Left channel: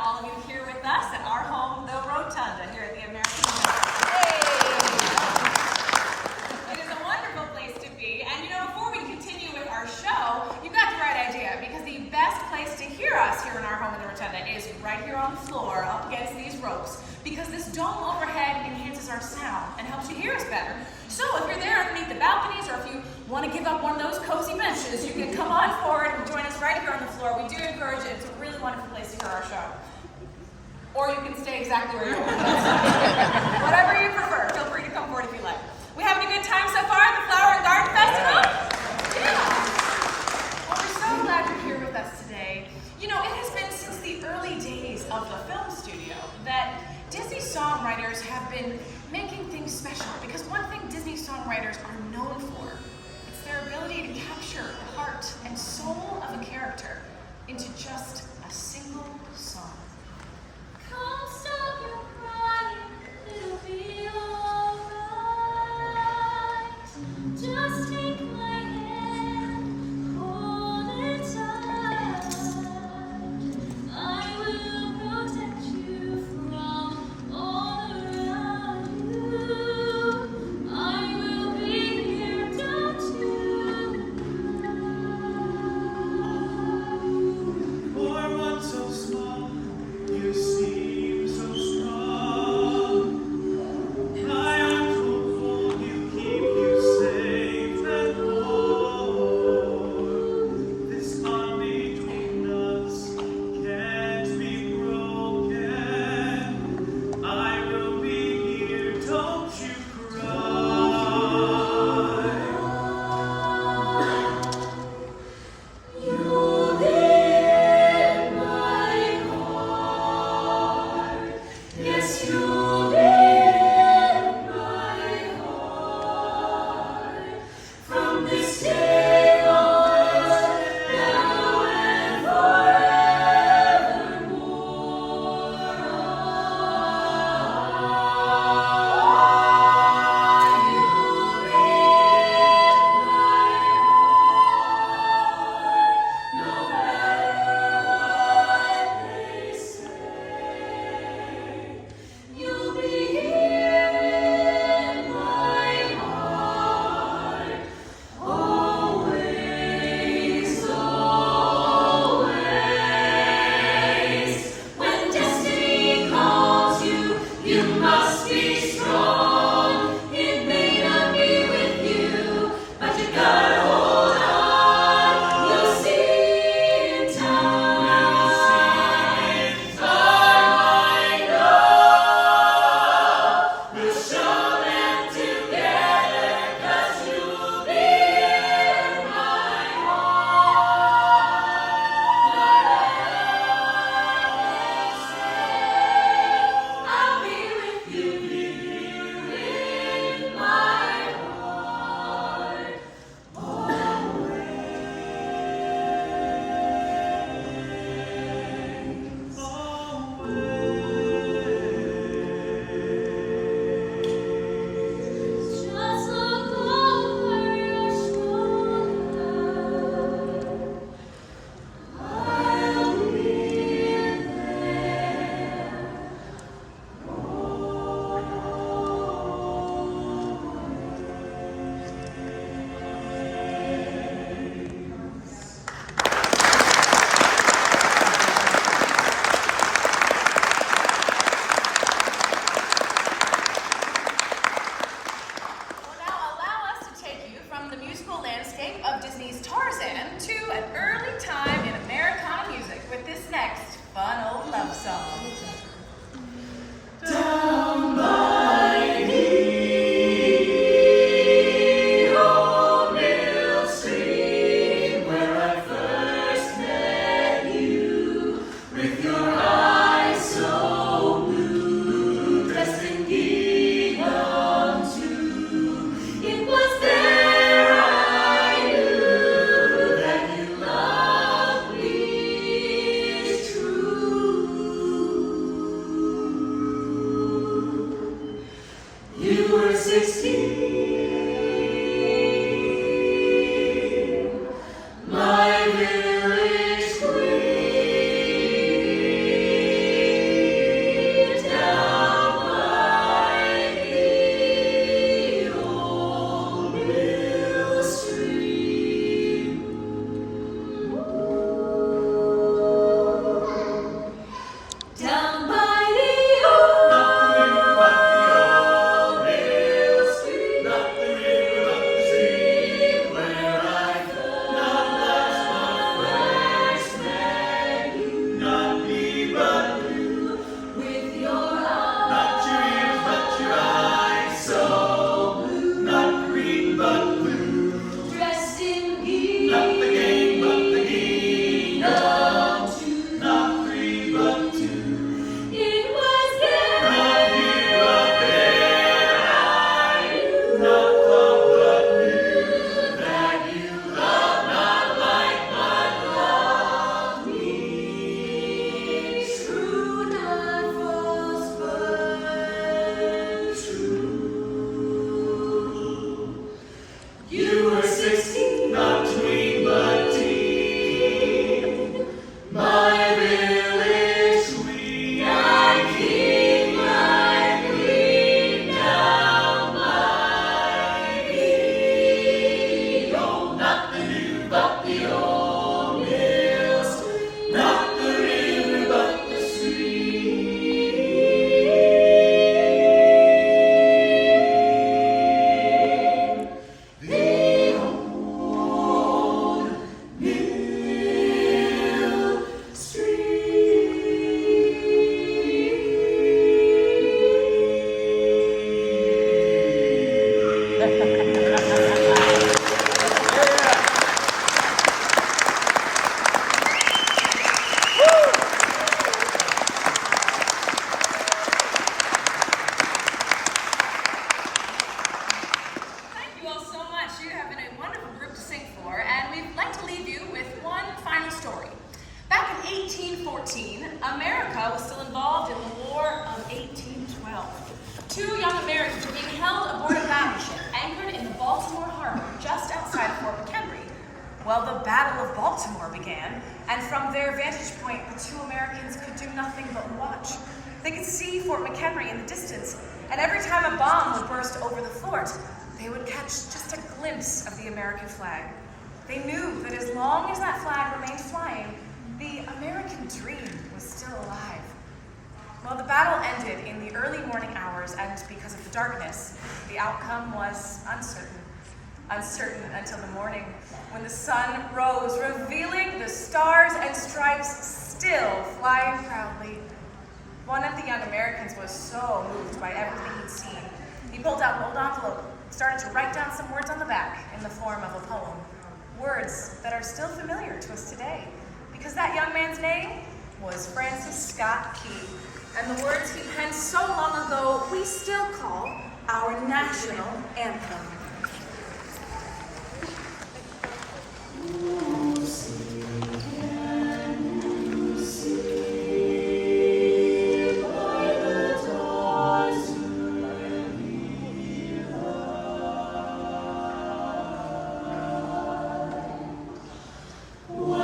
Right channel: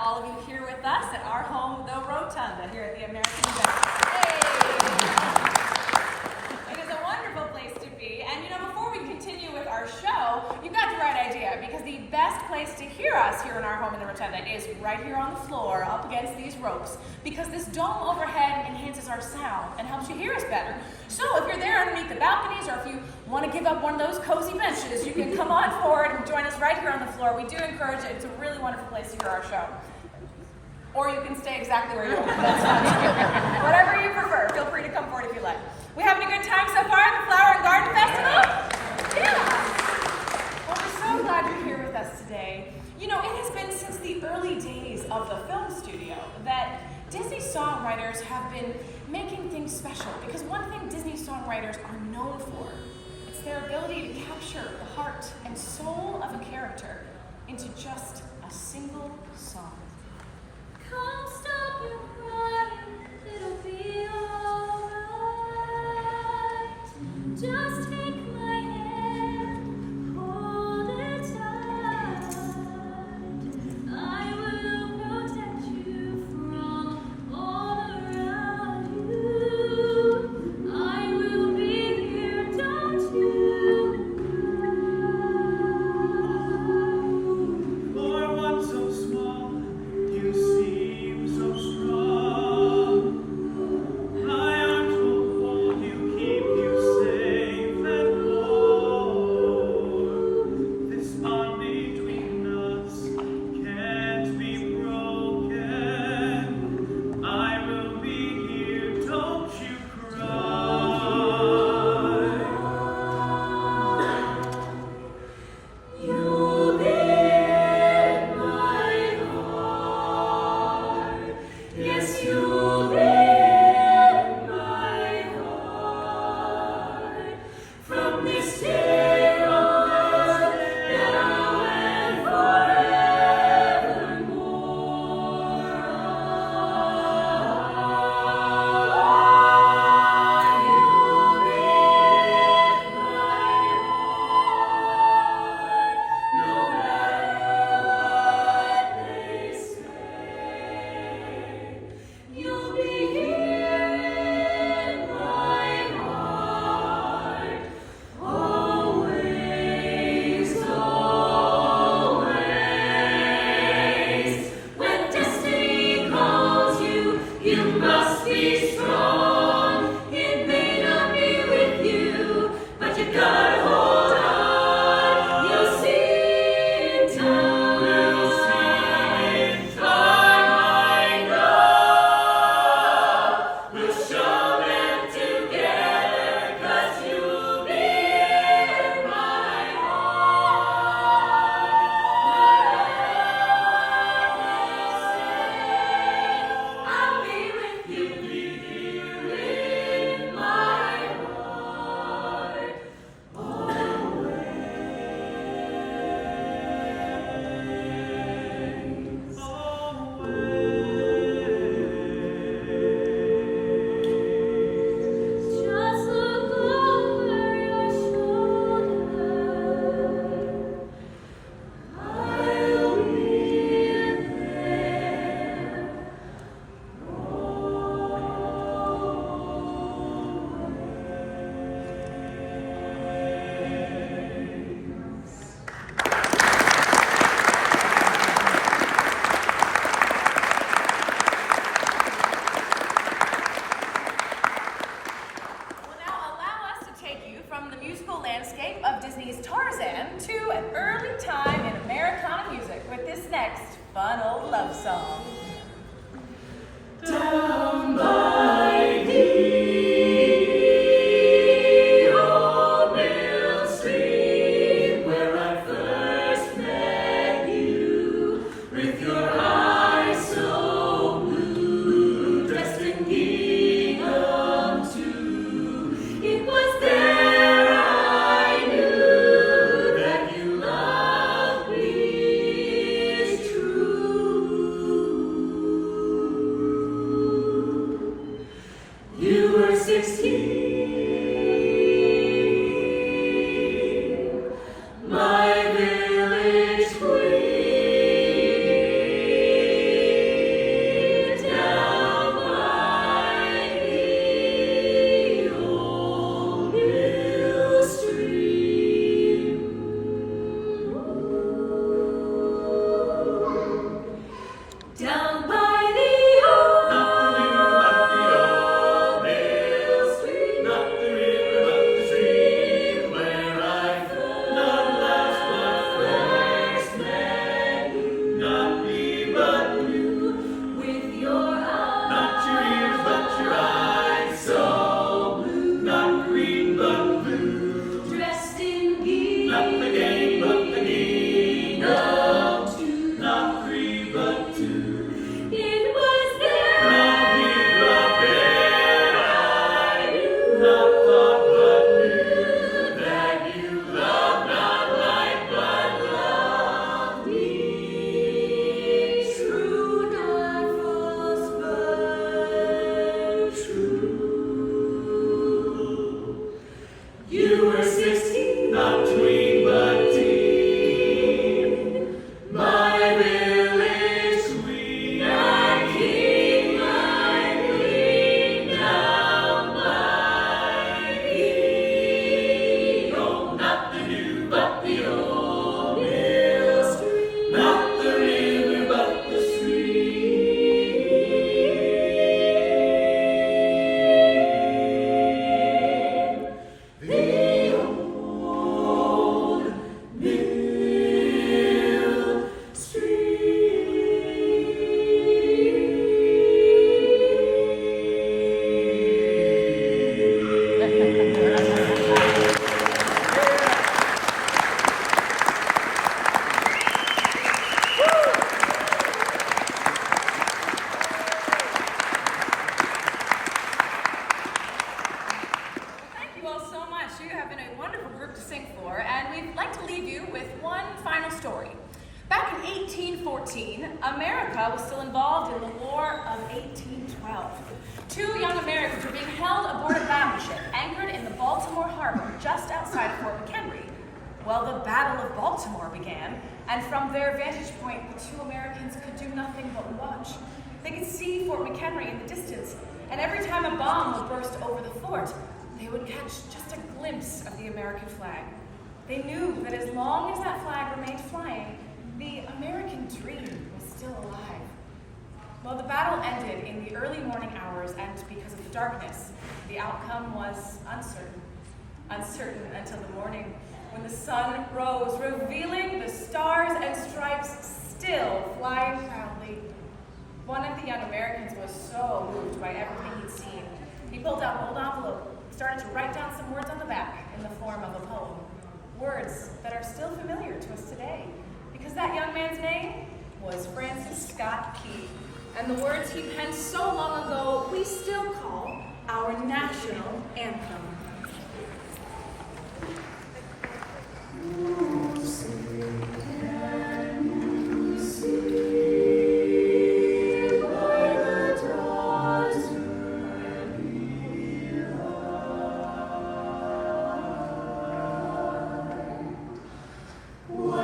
all of you here with us at our home, the Rotunda, here at the American Event. It is a wonderful place to be. And you know, before we continue with our show, you've got the right idea, because the best place to hear us here in our home in the Rotunda is right here on the floor, up against these ropes, because this dome overhead enhances our sound and helps you hear us better. So if you're there underneath the balconies, or if you want to give up one of those cozy benches, you can come on forward and join us right here on the floor. We do encourage it. It's a really wonderful place to hear our show. Or you can stay exactly where you are. That's fine. Whatever you prefer. Feel free to come forward if you like. We having a good time so far at the Flower and Garden Festival? Yeah. Well, we're so glad you're here with us today. You know, it has been since the early days of the film studio that Disney songwriters have been making things special, because one thing Disney songwriters are known for, it's their ability to capture the heart and soul of a character into just a single song. Come stop your crying, it'll be alright. Just take my hand, hold it tight. I will protect you from all around you. I will be here, don't you cry. For one so small, you seem so strong. My arms will hold you, keep you safe and whole. This bond between us can't be broken. I will be here, don't you cry. You'll be in my heart. Yes, you'll be in my heart. From this day on, now and You'll be here in my heart, always, always. When destiny calls you, you must be strong. It may not be with you, but you gotta hold on. You'll see in time. I know. We'll show them together, 'cause you'll be in my heart. I'll be with you here in my heart, just look over your shoulder. I'll be there. Well, now allow us to take you from the musical landscape of Disney's Tarzan to an early time in Americana music with this next fun old love song. Down by the old mill stream, where I first met you, with your eyes so blue, dressed in gingham too. It was there I knew that you loved me true. 1814, America was still involved in the War of 1812. Two young Americans were being held aboard a battleship anchored in the Baltimore harbor just outside Fort McHenry. Well, the Battle of Baltimore began, and from their vantage point, the two Americans could do nothing but watch. They could see Fort McHenry in the distance, and every time a bomb would burst over the fort, they would catch just a glimpse of the American flag. They knew that as long as that flag remained flying, the American dream was still alive. Well, the battle ended in the early morning hours, and because of the darkness, the outcome was uncertain. Uncertain until the morning, when the sun rose, revealing the stars and stripes still flying proudly. One of the young Americans was so moved by everything he'd seen, he pulled out an old envelope, started to write down some words on the back in the form of a poem. Words that are still familiar to us today, because that young man's name was Francis Scott Key. And the words he penned so long ago, we still call our national anthem.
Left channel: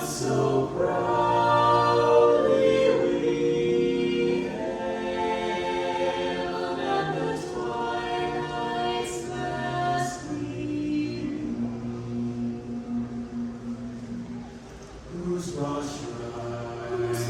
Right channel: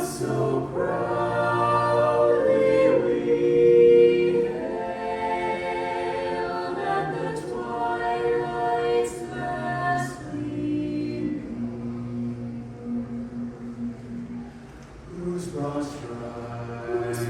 So proudly we hailed at the twilight's last gleaming, whose broad stripes